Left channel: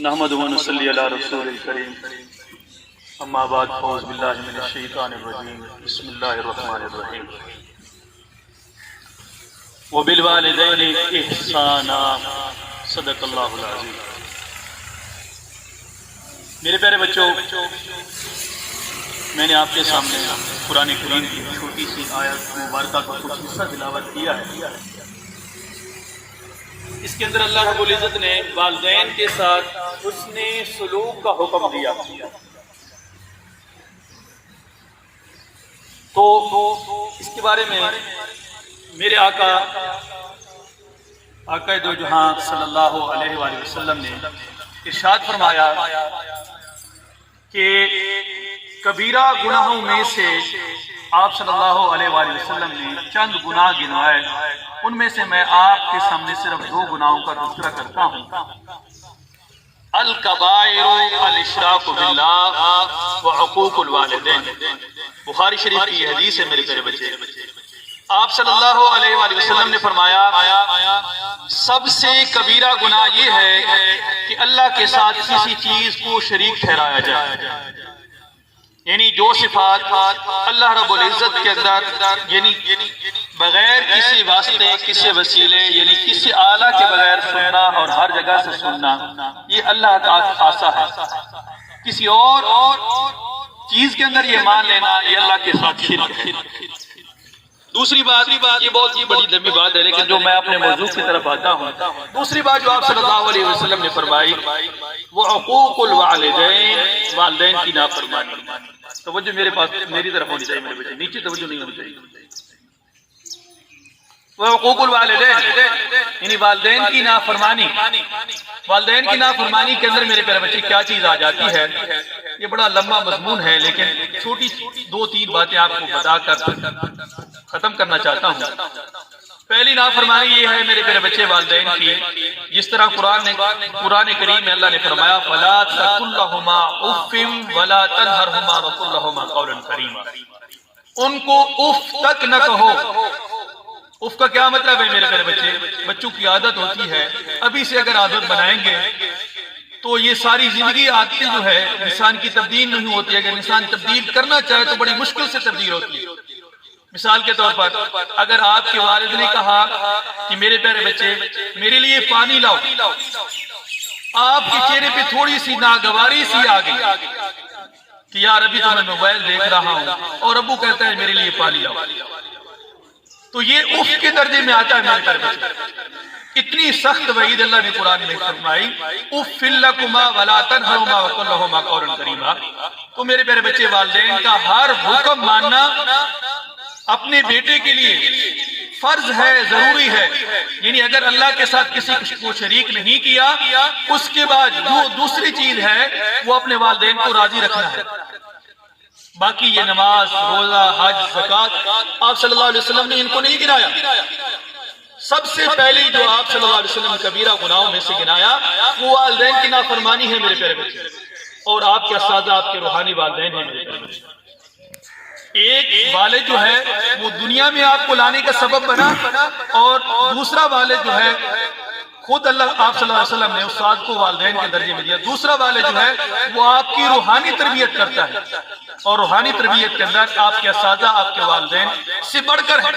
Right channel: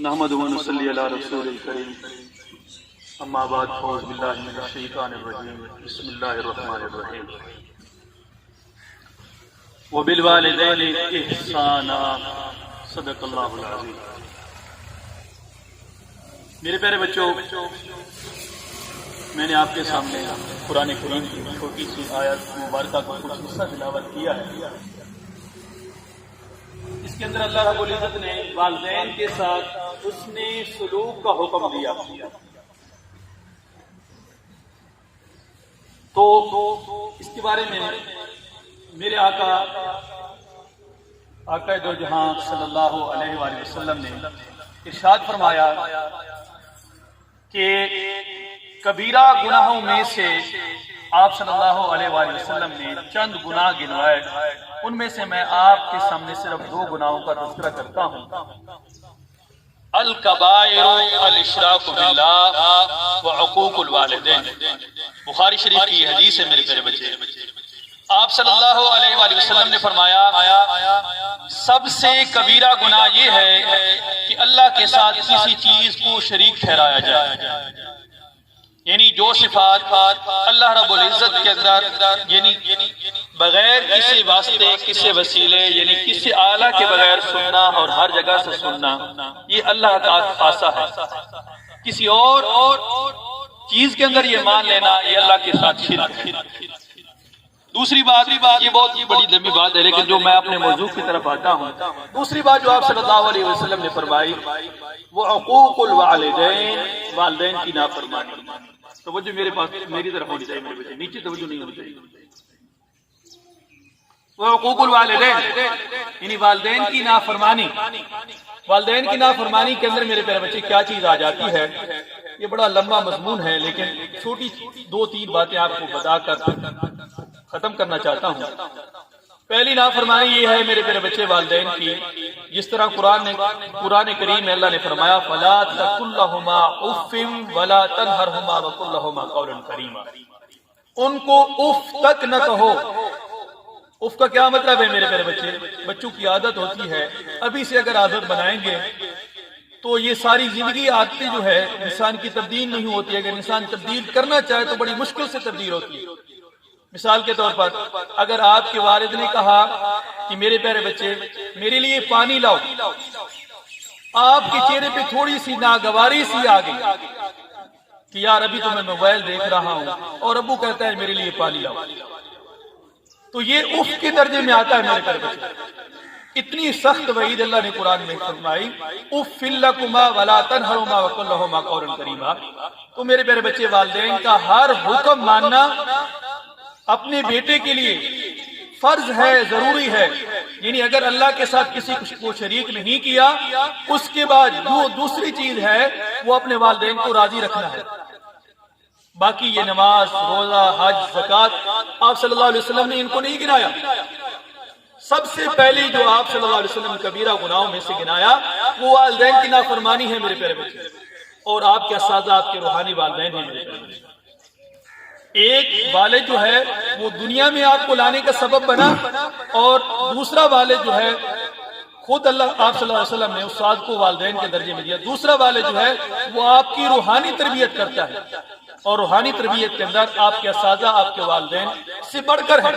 نحمد و نصلی علی رسول الکریم اما بعد فاعوذ باللہ من الشیطان الرجیم بسم اللہ الرحمن الرحیم وبالوالدین احسانا صدق اللہ العظیم۔ میرے پیارے بچوں، میں نے آپ کے سامنے قرآن کریم کی چھوٹی سی آیت مبارکہ کا کچھ حصہ تلاوت کیا ہے۔ اس کے اندر اللہ رب العزت نے والدین کے ساتھ حسن سلوک کا حکم دیا، تو اس کے بارے میں میرے آقا دو جہاں صلی اللہ علیہ وآلہ وسلم نے ارشاد فرمایا کہ کبیرہ گناہوں میں سے آپ صلی اللہ علیہ وآلہ وسلم نے چند گناہ گنوائے، ان میں سے میں آپ کے سامنے صرف دو گناہوں کا تذکرہ کرتا ہوں۔ الکبائر الاشراک باللہ وعقوق الوالدین، بخاری شریف کی حدیث ہے میرے پیارے بچے۔ آپ صلی اللہ علیہ وآلہ وسلم نے فرمایا سب سے کبیرہ گناہ یہ ہے کہ اللہ کے ساتھ کسی چیز کو شریک ٹھہرایا جائے، یعنی جو صفات اللہ رب العزت کے اندر یعنی بغیر کسی واسطے کسی وسیلے یعنی کسی آلہ کے بغیر سننا اور ہر جگہ سے سننا، یہ اللہ کا خاصہ ہے۔ کسی اور چیز کے اندر یہ مان لینا یہ اللہ کے ساتھ شرک ہے۔ دوسری بات، یہ بہت ہی بڑی لمبی بات ہے لیکن جو میں اپنے موضوع کی طرف آتا ہوں، دوسری بات جو آپ صلی اللہ علیہ وسلم نے فرمائی وہ عقوق الوالدین، والدین کی نافرمانی۔ توجہ میرے پاس میری طرف ہونی چاہیے میرے بچے، نیچے توجہ نہیں ہونی چاہیے۔ وہ عقوق الوالدین یعنی والدین کی نافرمانی۔ والدین کی نافرمانی کے اندر میرے پیارے بچے کیا چیز آ جاتی ہے، یہ بڑا لمبا مضمون ہے لیکن چھوٹی دو تین باتیں آپ کو بتا کر ختم کرنا چاہتا ہوں۔ پہلی نافرمانی یہ ہے میرے پیارے بچے والدین کی، جس طرح قرآن کریم میں اللہ نے فرمایا فَلَا تَقُلْ لَهُمَا اُفٍّ وَلَا تَنْهَرْهُمَا وَقُلْ لَهُمَا قَوْلًا كَرِيمًا، ان کو اف تک نہ کہو۔ اف کا کیا مطلب ہے میرے پیارے بچے؟ بچوں کی عادت ہوتی ہے، ابھی سے اگر عادت بنائیں گے تو یہ ساری زندگی عادتیں جو ہے انسان کی تبدیل نہیں ہوتی ہے، اگر انسان تبدیل کرنا چاہے تو بڑی مشکل سے تبدیل ہوتی ہے۔ مثال کے طور پر اگر آپ کے والد نے کہا کہ میرے پیارے بچے میرے لیے پانی لاؤ، آپ کے چہرے پہ تھوڑی سی ناگواری سی آ گئی کہ یار ابھی تو میں موبائل دیکھ رہا ہوں اور ابو کہتا ہے میرے لیے پانی لاؤ، تو یہ اف کے درجے میں آتا ہے میرے پیارے بچے۔ اتنی سخت وعید اللہ نے قرآن میں فرمائی اف لکما ولا تنہرہما وقل لہما قولا کریما۔ تو میرے پیارے بچے والدین کا ہر حکم ماننا اپنے بیٹے کے لیے فرض ہے، ضروری ہے، یعنی اگر اللہ کے ساتھ کسی کو شریک نہیں کیا اس کے بعد جو دوسری چیز ہے وہ اپنے والدین کو راضی رکھنا ہے۔ باقی یہ نماز، روزہ، حج، زکوٰۃ آپ صلی اللہ علیہ وسلم نے ان کو نہیں گنایا۔ سب سے پہلی جو آپ صلی اللہ علیہ وسلم نے کبیرہ گناہوں میں سے گنایا وہ والدین کی نافرمانی ہے میرے پیارے بچے، اور آپ کے اساتذہ آپ کے روحانی والدین ہیں میرے پیارے بچے۔ ایک والد جو ہے وہ دنیا میں آپ کو لانے کا سبب بنا، اور دوسرا والد جو ہے خود اللہ آپ صلی اللہ علیہ وسلم نے استاد کو والدین کے درجے میں دیا۔ دوسرا والد جو ہے وہ آپ کی روحانی تربیت کرتا ہے، اور روحانی تربیت کے اندر آپ کے اساتذہ آپ کے والدین سے بڑھ کر ہیں،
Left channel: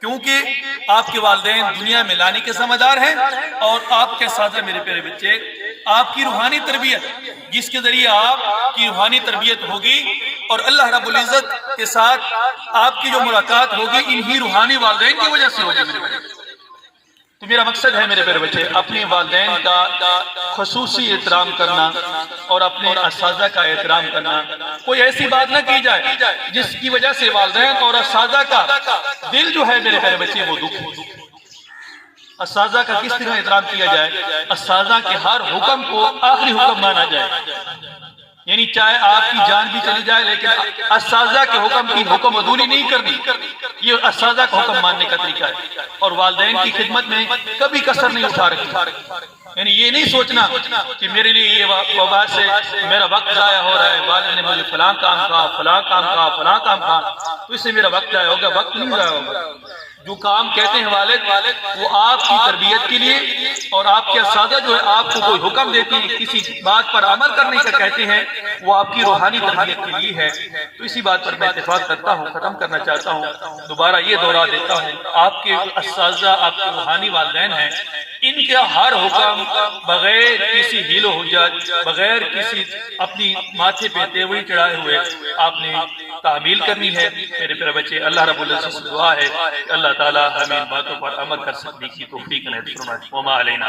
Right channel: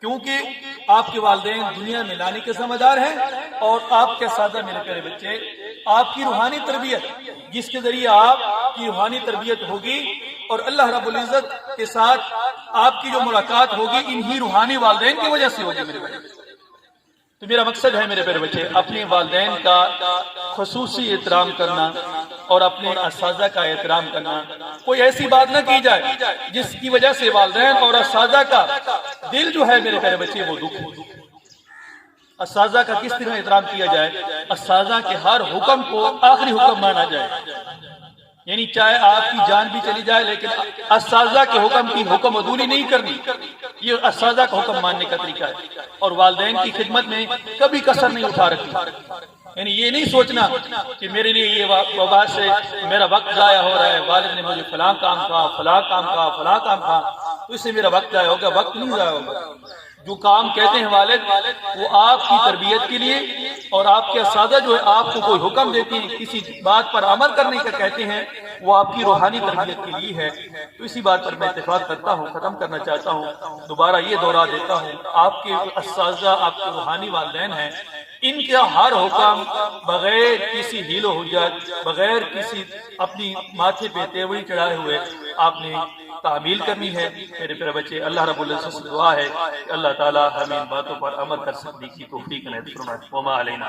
کیونکہ آپ کے والدین دنیا میں لانے کے ذمہ دار ہیں، اور آپ کے اساتذہ میرے پیارے بچے آپ کی روحانی تربیت، جس کے ذریعے آپ کی روحانی تربیت ہوگی اور اللہ رب العزت کے ساتھ آپ کی جو ملاقات ہوگی انہی روحانی والدین کی وجہ سے ہوگی میرے بچے۔ تو میرا مقصد ہے میرے پیارے بچے اپنے والدین کا خصوصی احترام کرنا اور اپنے اساتذہ کا احترام کرنا۔ کوئی ایسی بات نہ کی جائے جس کی وجہ سے والدین اور اساتذہ کا دل جو ہے میرے پیارے بچے وہ دکھ۔ اساتذہ کا کس طرح احترام کیا جائے؟ اساتذہ کے ہر حکم کو آخری حکم مانا جائے، یعنی چاہے آپ کی جان بھی چلی جائے لیکن اساتذہ کے حکم کی حکم عدولی نہیں کرنی، یہ اساتذہ کا حکم ماننے کا طریقہ ہے۔ اور والدین کی خدمت میں کبھی کسر نہیں اٹھا رکھی، یعنی یہ نہیں سوچنا کہ میرے لیے یہ وبا سے میرا وقت ضائع ہو رہا ہے، والد نے مجھے فلاں کام کہا، فلاں کام کہا، فلاں کام کہا، تو اس سے میرا وقت ضائع ہوگا۔ وقت نہیں ضائع ہوگا، جو کام کہتے ہیں والد وہ آپ کی تربیت کے لیے، اور آپ کے اساتذہ جو ہے آپ کو کوئی حکم دیتے ہیں، کسی بات پر عمل کرنے کا کہتے ہیں، وہ آپ کی روحانی تربیت کے لیے ہے۔ تو اسی بات پر میں اتفاق کرتا ہوں، ختم کرنا چاہتا ہوں، دوبارہ یہ دہرا دیتا ہوں، آپ کے اساتذہ آپ کے روحانی والدین ہیں، ان کا ہر حکم بغیر کسی حیل و حجت، بغیر کسی اپنی ماتھے پہ تیوری چڑھائے ہوئے آپ نے تعمیل کرنی ہے۔ میرے پیارے بچے، اللہ رب العزت سے دعا ہے کہ اللہ تعالی ہمیں ان باتوں پر عمل کر سکنے کی توفیق عنایت فرمائے۔ وما علینا۔